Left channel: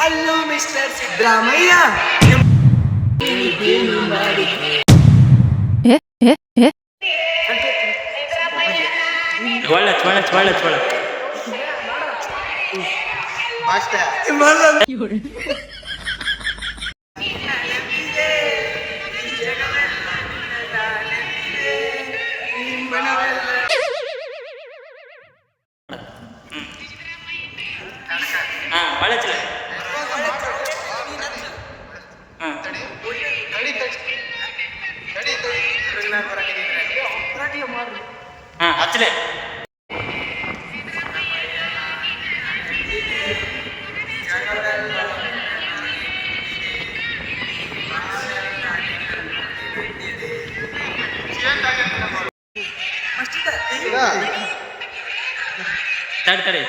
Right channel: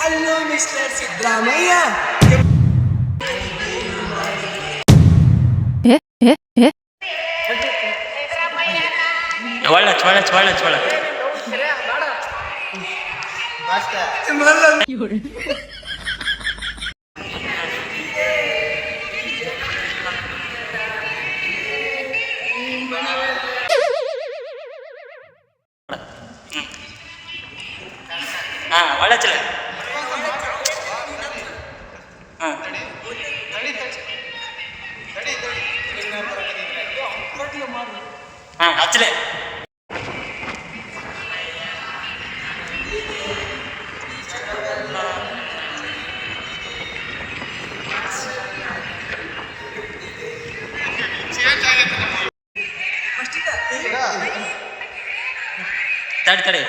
Hello mister Siddaramaiah. ಒಳ್ಳೆ ಚೋಳ ಚೋಳ ಚೋಳ ಹಾ ಒಳ್ಳೆ ಚಲ ಹಾಂ ಹಚ್ಚಲೆ ತಡಿ ತಡಿ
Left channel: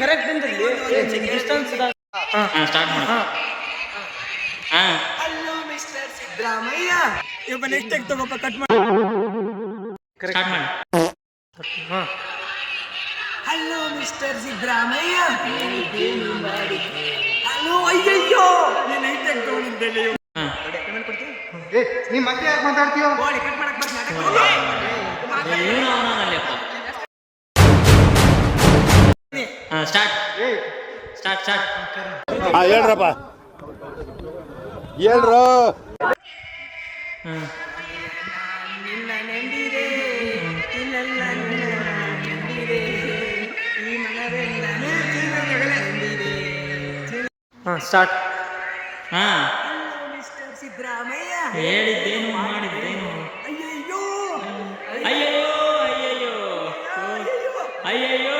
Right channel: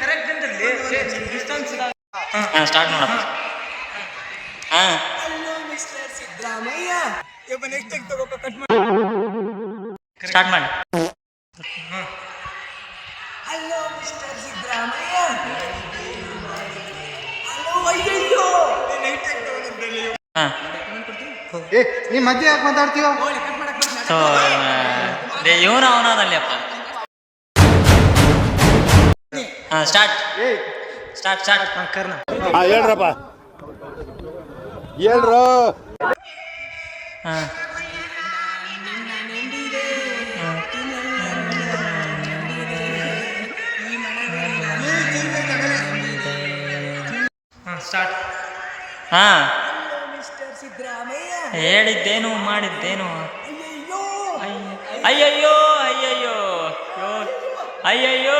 ಕರೆಕ್ಟ್ ಅಂದ್ರಲ್ಲಿ ಹಾಂ ಸ್ಟಾರ್ಟ್ ಮಾಡಪ್ಪ. ಹಾಂ ಹಲೋ ಮಿಸ್ಟರ್ ಸಿದ್ದರಾಮಯ್ಯ. ನೆಕ್ಸ್ಟ್ ತಗೋಪ್ಪ ಕಟ್ ಸ್ಟಾರ್ಟ್ ಮಾಡಿ. Hello mister Siddaramaiah. ಹಲೋ ಅಯ್ಯಯ್ಯೋ ಹಾಂ ನೀ ಮಧ್ಯೆ ಯಾಕೆ ಮಾತಾಡ್ತೀಯ? ಕಟ್ ಮಾಡಕ್ ಸೊ ಇವನು ಅವನಲ್ಲಪ್ಪ. ಹಾಂ ಸ್ಟಾರ್ಟ್ ಸ್ಟಾರ್ಟ್ ಸ್ಟಾರ್ಟ್. ಹೇಳ್ರಪ್ಪ ಹೇಳ್ರು. ಹಾಂ ನಿನ್ನ ನೆಂದಿದೆ ಇನ್ನೆಲ್ಲ ನೆಂದಿದೆ ಈ ಮನವೆಲ್ಲ ನೆಂದಿದೆ. ಸ್ಟಾರ್ಟ್. ಹಾಂ ಹಲೋ ಮಿಸ್ಟರ್ ಸಿದ್ದರಾಮಯ್ಯ. ಹೇಳಿದ್ದೇನು ಮಾಡಿದ್ದೇನು. ಅಯ್ಯಯ್ಯೋ ಅಯ್ಯಯ್ಯೋ ಅಯ್ಯಯ್ಯೋ ಅಯ್ಯಯ್ಯೋ